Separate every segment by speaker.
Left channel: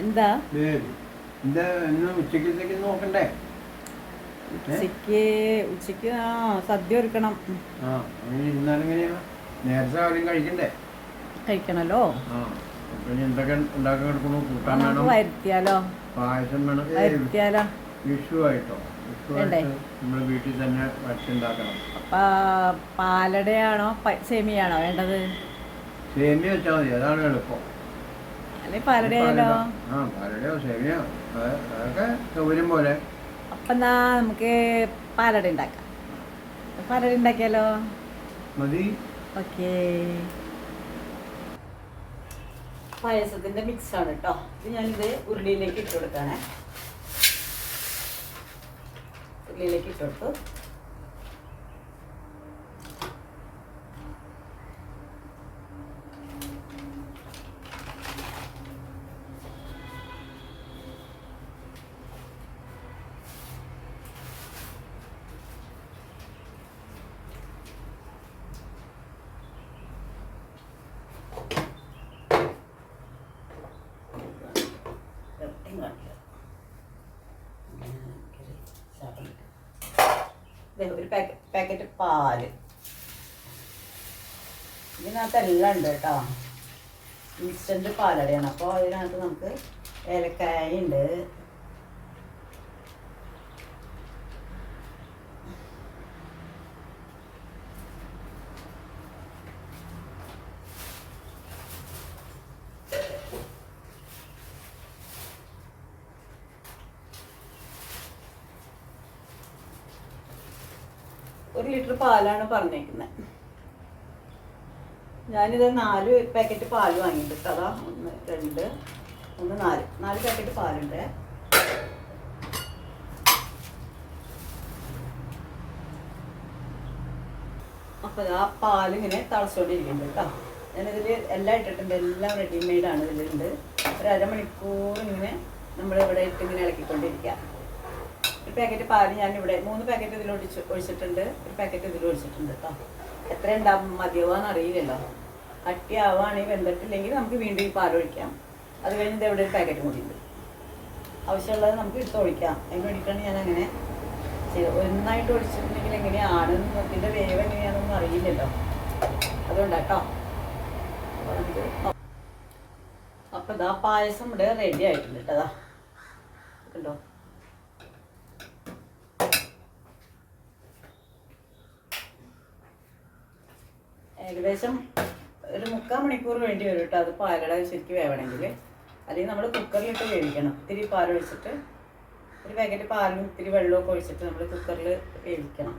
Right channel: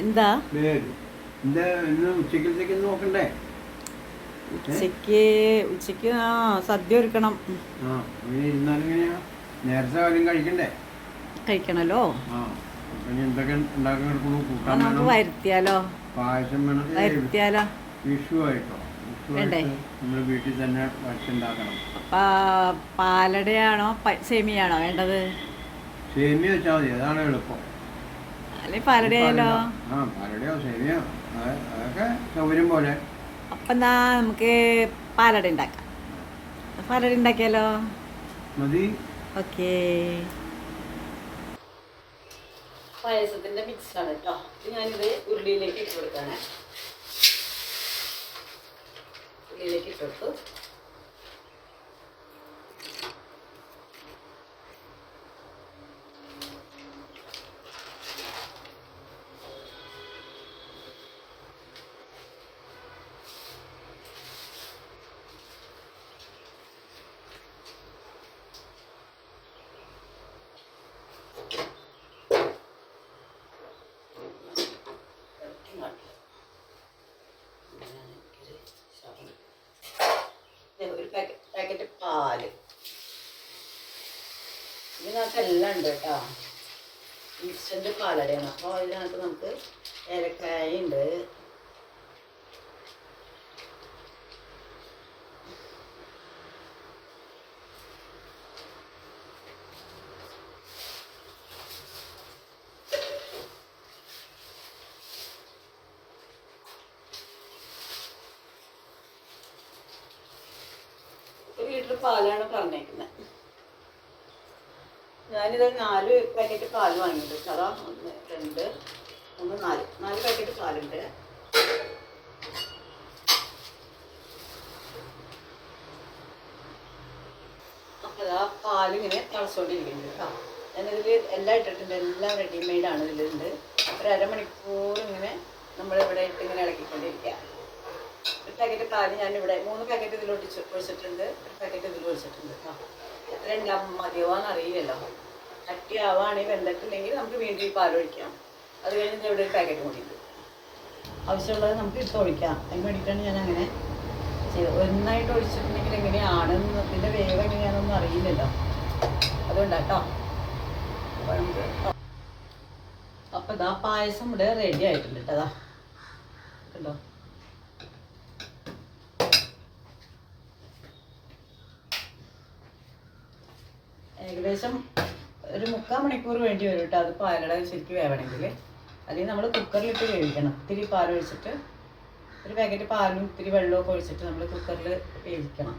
Speaker 1: എന്താ?
Speaker 2: ഉച്ചക്കലത്തേക്ക് നോക്കണ്ടേ?
Speaker 1: ഉച്ചയ്ക്ക് ഉച്ചയ്ക്ക് ആ സദ്യ ഒരുക്കണം.
Speaker 2: നേരത്തെ കാര്യം കഴിക്കണ്ടേ?
Speaker 1: കഴിക്കണല്ലോ. നമുക്ക് വരുത്തിയാലോ?
Speaker 2: പായസം വേണം.
Speaker 1: വരുത്തിയാലോ?
Speaker 2: വിഷു ആയിട്ടോ? വീട്ടിൽ തന്നെ വച്ചുണ്ടാക്കണം
Speaker 1: പാലടയാണോ സേമിയാണോ വേണ്ടത്?
Speaker 2: സേമിയ വെച്ചാൽ മതി അതാണ് എളുപ്പം.
Speaker 1: അല്ലെ പാലടയായാലോ
Speaker 2: ആ പാലടയോ സേമിയോ അത് അതൊക്കെ സൗകര്യം പോലെ.
Speaker 1: അപ്പൊ എന്നാ നമുക്ക് പാലട ഉണ്ടാക്കാം. പാലട ഉണ്ടാക്കിയാലോ?
Speaker 2: മതി.
Speaker 1: ഓക്കേ. പായസത്തിന്റെ മിക്സ് ആണ് കേട്ടോ ഇത് ഞാനിത് ഉരുളിയിലേക്ക് ഇട്ട് കൊടുക്കാനേ ഉരുളിയിലേക്ക് ഇട്ട് കൊടുത്തു. ദേ ഒരു പാക്കറ്റ് പാൽ. ഇതിനകത്ത് എല്ലാം ഉണ്ട് കേട്ടോ. ഇൻസ്റ്റന്റ് പാലടയാണ്. അപ്പോൾ അതിനകത്ത് നമുക്ക് ഏലക്കായ ഉണ്ട് ഒരു ലിറ്റർ പാലാണ് പറഞ്ഞേക്കുന്നത് ഞാനിത് നാല് പാക്കറ്റ് പാൽ വാങ്ങിയിട്ടുണ്ട് അതാ ഒന്ന് രണ്ട് ഒന്ന് നാല്. നാല് പാക്കറ്റ് പാലുണ്ട്. അപ്പോൾ ആ പാലിങ്ങനെ തിളച്ചുകൊണ്ടിരിക്കുന്നുണ്ട് കേട്ടോ. ഞാനിതിൽ എല്ലാം ഇട്ടിട്ടുണ്ട്. എല്ലാം റെഡിമെയ്ഡ് ആണ് ഇതിലുണ്ട്. ഒരു അരമണിക്കൂർ ഇങ്ങനെ നമ്മളിവിടെ ഇട്ട് ഇങ്ങനെ ഇളക്കിക്കൊണ്ടിരിക്കുക ഒരു പാക്കറ്റ് പാൽ ഞാൻ ഇവിടെ മൂന്ന് പാക്കറ്റ് ഇതിൽ ഒഴിച്ച് ഒഴിച്ചിട്ടുണ്ട്. ഒരു പാക്കറ്റ് ഇതിൽ ഒഴിച്ചിട്ടുണ്ട് കേട്ടോ എത്ര ഉണ്ടാവും മതിയാവാന്ന് അറിയില്ലല്ലോ. അട്ടിയാവുകയാണെങ്കിൽ വെന്തിട്ടില്ലെങ്കിൽ നമുക്ക് വീണ്ടും ഈ പാൽ ഒഴിക്കാം. അത് കഴിഞ്ഞ് ഇവിടെ ഒരു പാക്കറ്റ് കൂടി ഉണ്ട്. ആവശ്യമുള്ളത് നമുക്ക് എടുത്ത് ഒഴിക്കാം. അതിന് വേണ്ടിയിട്ടാണ് ഞാൻ അങ്ങനെ ഒന്നായിട്ട് ഒഴിച്ചിട്ടുണ്ടെങ്കിൽ എങ്ങനെയാണെന്ന് ഇതിന്റെ വേവ് എങ്ങനെയാണെന്നൊന്നും അറിയില്ലല്ലോ. അതുകൊണ്ടാണ് കേട്ടോ നമുക്ക് അപ്പോൾ ഇതാ പായസം ഇവിടെ റെഡി ആയിട്ടുണ്ട് കേട്ടോ കണ്ടോ? ഏകദേശം ഒരു മുക്കാൽ മണിക്കൂർ വേണ്ടി വരും കേട്ടോ അത് പാലട ശരിക്കും വേവണമെങ്കിൽ. അല്ലെങ്കിൽ നമ്മൾ കുക്കറിലിട്ട് വേവിക്കണം. ഇത്തിരി പാൽ ഒഴിച്ചിട്ട് ഒരു പാക്കറ്റ് പാലും ഇത്തിരി വെള്ളമൊക്കെ ഒഴിച്ചിട്ട് നമ്മൾ കുക്കറിൽ വേവിക്കണം.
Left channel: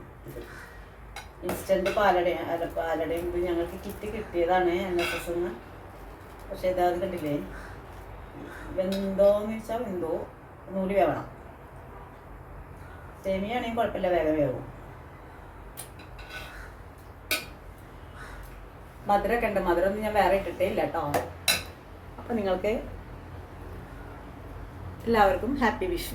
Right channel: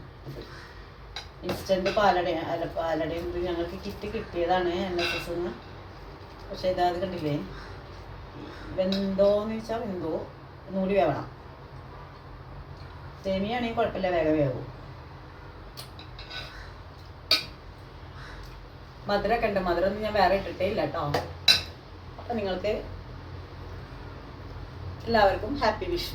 Speaker 1: ഇൻസ്റ്റന്റ് പാലട അല്ല പാലടയും ഇത് ഞങ്ങൾക്ക് കിറ്റ് കിട്ടിയതാണ് എൻ എസ് എസ് നിന്ന് പക്ഷേ ഇതാത് കണ്ടില്ലേ? വെന്തോന്ന് വെച്ചാൽ വെന്തോ. നൂൽ വേവണം. സേമിയാണെങ്കിൽ കുഴപ്പമില്ല വേഗം വേവും. മധുരമൊക്കെ ഉണ്ട്. മധുരമൊന്നും ഞാൻ വേറെ ഇട്ടിട്ടേ ഇല്ല കേട്ടോ. അപ്പം നിങ്ങൾക്ക് എല്ലാവർക്കും ഹാപ്പി വിഷു.